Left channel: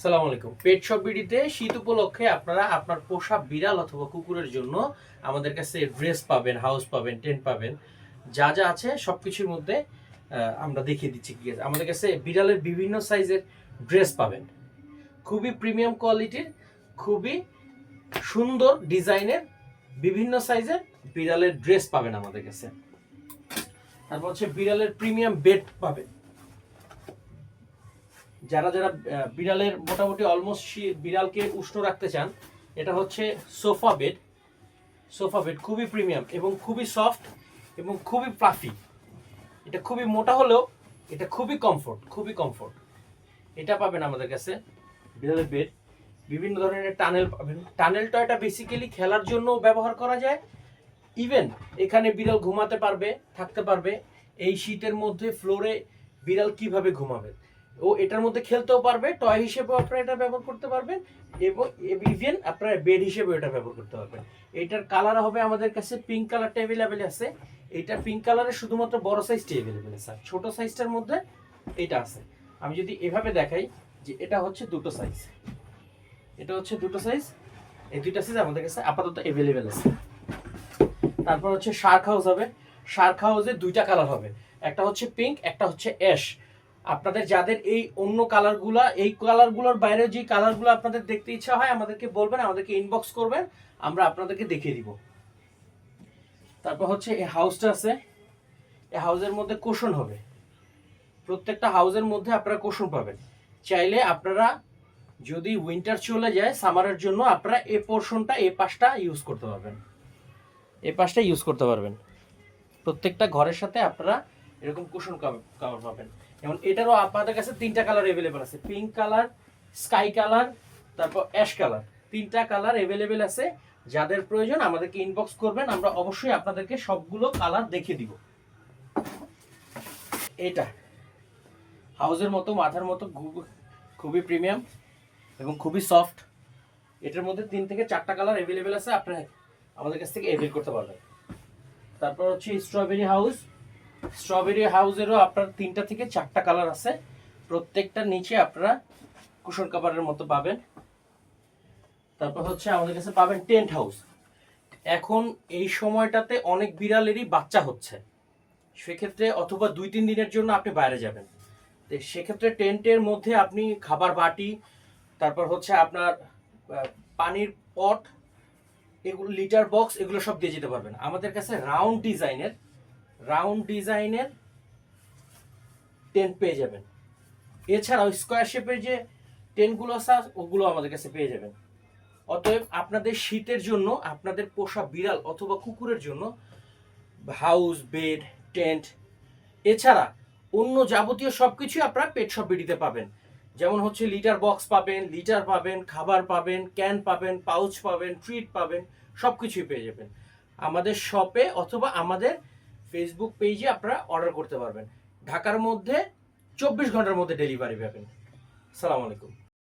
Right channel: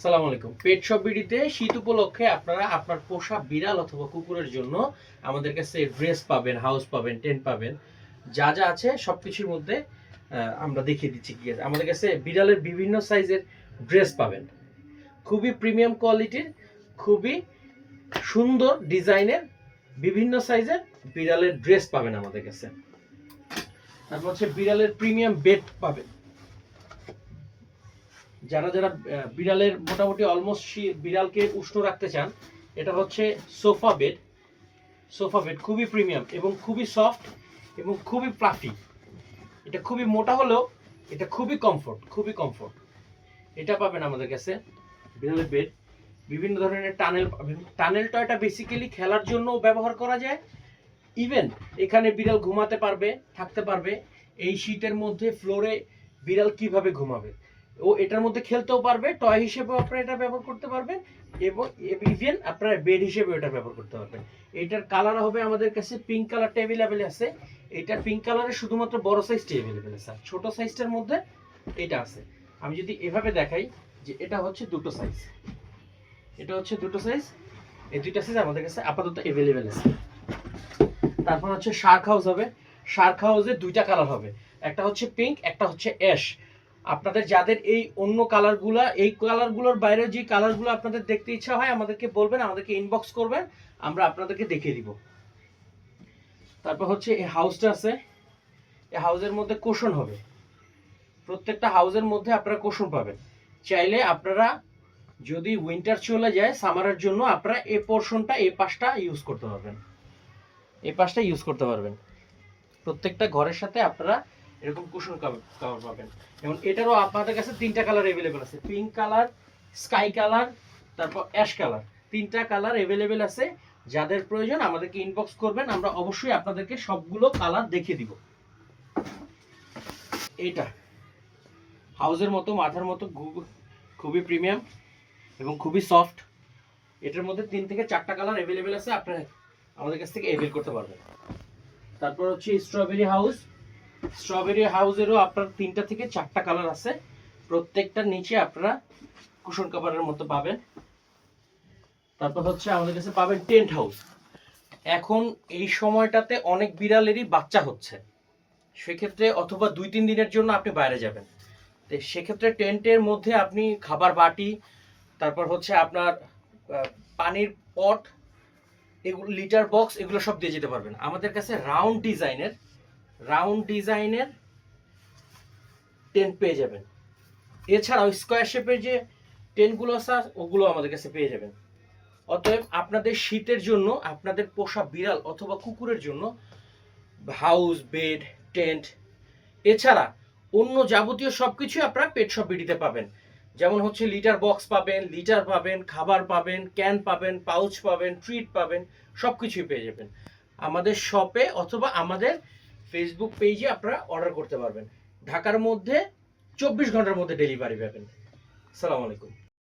সালাম আলাইকুম। পেট শপ বিডিতে শীত উপলক্ষে আপনারা আপনার পোষা বিড়াল অথবা কুকুরের জন্য আমাদের কাছে ড্রেস পাবেন, হাউস পাবেন, টেন্ট পাবেন, যা যা আছে সব কিছুর মধ্যে আমরা দেখিয়ে দিচ্ছি। কি আছে আমাদের কাছে বিড়ালের বিভিন্ন সাইজের ড্রেস পাবেন, খুবই প্রিমিয়াম কোয়ালিটির, খুবই সুন্দর ডিজাইনের বিভিন্ন সাইজের বিড়ালের ড্রেস পাবেন আমাদের কাছে। তারপর হচ্ছে বিড়ালের প্রিমিয়াম বেড পাবেন। যারা যারা বিড়ালের মোটামুটি অলমোস্ট বিড়ালকে উষ্ণ রাখতে চান, এটা হচ্ছে সোফা বেড। খুবই প্রিমিয়াম এবং খুবই সফট এবং খুবই প্লাফি। এটা খুবই মোটা হলেও এটা খুবই কমফোর্ট। এটা পাবেন আমাদের কাছে বিড়ালের বেড। বিভিন্ন ধরনের টানেল পাবেন। টানেল টয়টা বেসিক্যালি খেলার জন্য ব্যবহার করা যায়। ইভেন এখানে বিড়াল ঘুমাতে পারবে, থাকতে পারবে। এই শীতের মধ্যে ফ্লোরে বিড়াল কিভাবে ঘুমাবে, ও এটার মধ্যে খেলতেও পারবে, টয় হিসেবেও আপনারা এটা ব্যবহার করতে পারবেন এবং ইভেন আপনারা বেড হিসেবেও এটা ব্যবহার করতে পারবেন। এটার কালার হবে আমাদের কাছে পিঙ্ক কালারটা অ্যাভেলেবেল আছে। এটা পিঙ্ক কালারের শুধুমাত্র বড় সাইজটা অ্যাভেলেবেল আছে, আর ছোট সাইজটার মধ্যে এটা আছে। আমি যদি এভাবে দেখাই যে এটা হচ্ছে দুটো সাইজ, এই দুইটা সাইজ আমাদের কাছে আপাতত অ্যাভেলেবেল আছে। তারপর হচ্ছে শার্ক হাউস হবে। শার্ক হাউসে দুইটা কালার হবে, একটা হচ্ছে পিঙ্ক, একটা হচ্ছে অ্যাশ। আপনাদের যাদের এই অন্য কালারগুলোর বাইরে যে কালারগুলো আপনাদের দেখতে ইচ্ছা হয় আমাদেরকে বলবেন, আমাদেরকে ইনবক্স করবেন, আমরা আপনাদেরকে দেখিয়ে দিব। তারপর হচ্ছে এই হাউসটা আছে। এই হাউসের মধ্যে কুশন হবে। প্রত্যেকটা হাউসের মধ্যে আপনারা কুশন পাবেন। চাইলে আপনারা যদি উইন্টার চলে যায়, সামারের জন্য আপনারা এই পোর্শনটা, এই পাশটা ইউজ করতে পারবেন। প্রত্যেকটা ঘরের সাথে আপনারা এরকম কুশন কভার পাবেন। এবং এটারও আপনাদের কাছে তিনটা কালার অ্যাভেলেবেল আছে, পিঙ্ক কালার, স্কাই কালার, তারপর অ্যাশ কালার। তিনটা কালার অ্যাভেলেবেল আছে। যাদের প্রয়োজন আমাদেরকে ইনবক্স করবেন, আমরা অবশ্যই আপনাদেরকে সবগুলো কালার দেখিয়ে দিব। এটা হাউসের মতো, মাথার মতো, খুবই প্রিমিয়াম এবং খুবই সফট। এটার মধ্যে 3 থেকে 4টা কালার অ্যাভেলেবেল আছে, আপনি আমাদের কাছ থেকে অ্যাভেল করতে পারবেন। তারপর হচ্ছে স্ট্রবেরি হাউসেরও আপনার 3টা থেকে 4টা কালার আছে। প্রত্যেকটার নিচে আপনারা কুশন কভারের মতো পাবেন। তারপর হচ্ছে আমাদের কাছে পাবেন টেন্ট হাউস। এখন এই সময়টাতে অনেক বিড়ালেরই বাচ্চা হচ্ছে, সেক্ষেত্রে অথবা 2-3 দিনের জন্য আপনি বাইরে যাবেন, তো সেক্ষেত্রে টেন্টের মধ্যে আপনি খাবার বাটি, তারপর হচ্ছে আপনার পানির পট, এগুলো লিটার বক্স, এগুলো সব দিয়ে যেতে পারবেন। আমাদের কাছে রাউন্ড ডিজাইনের টেন্ট পেয়ে যাবেন। এছাড়াও স্কোয়ার শেপের যে টেন্টগুলো আছে ওগুলো আমাদের কাছে পেয়ে যাবেন। অতএব আপনাদের শীতের জন্য, আপনাদের পোষা বিড়াল অথবা কুকুরের জন্য হাউস, বেড, টেন্ট, এছাড়া অন্য যাবতীয় সবকিছু আপনারা পেট শপ বিডিতে পাবেন। যেমন হচ্ছে লিটার বক্স পাবেন, খাবার পাবেন, ক্যান পাবেন, পাউচ পাবেন, ট্রিট পাবেন, সব কিছুই পেয়ে যাবেন আমাদের শপে অথবা আমাদের ফেসবুক পেজে আপনারা অর্ডার করতে পারবেন। ঢাকার মধ্যে 24 ঘন্টার মধ্যে ডেলিভারি পাবেন। আসসালামু আলাইকুম।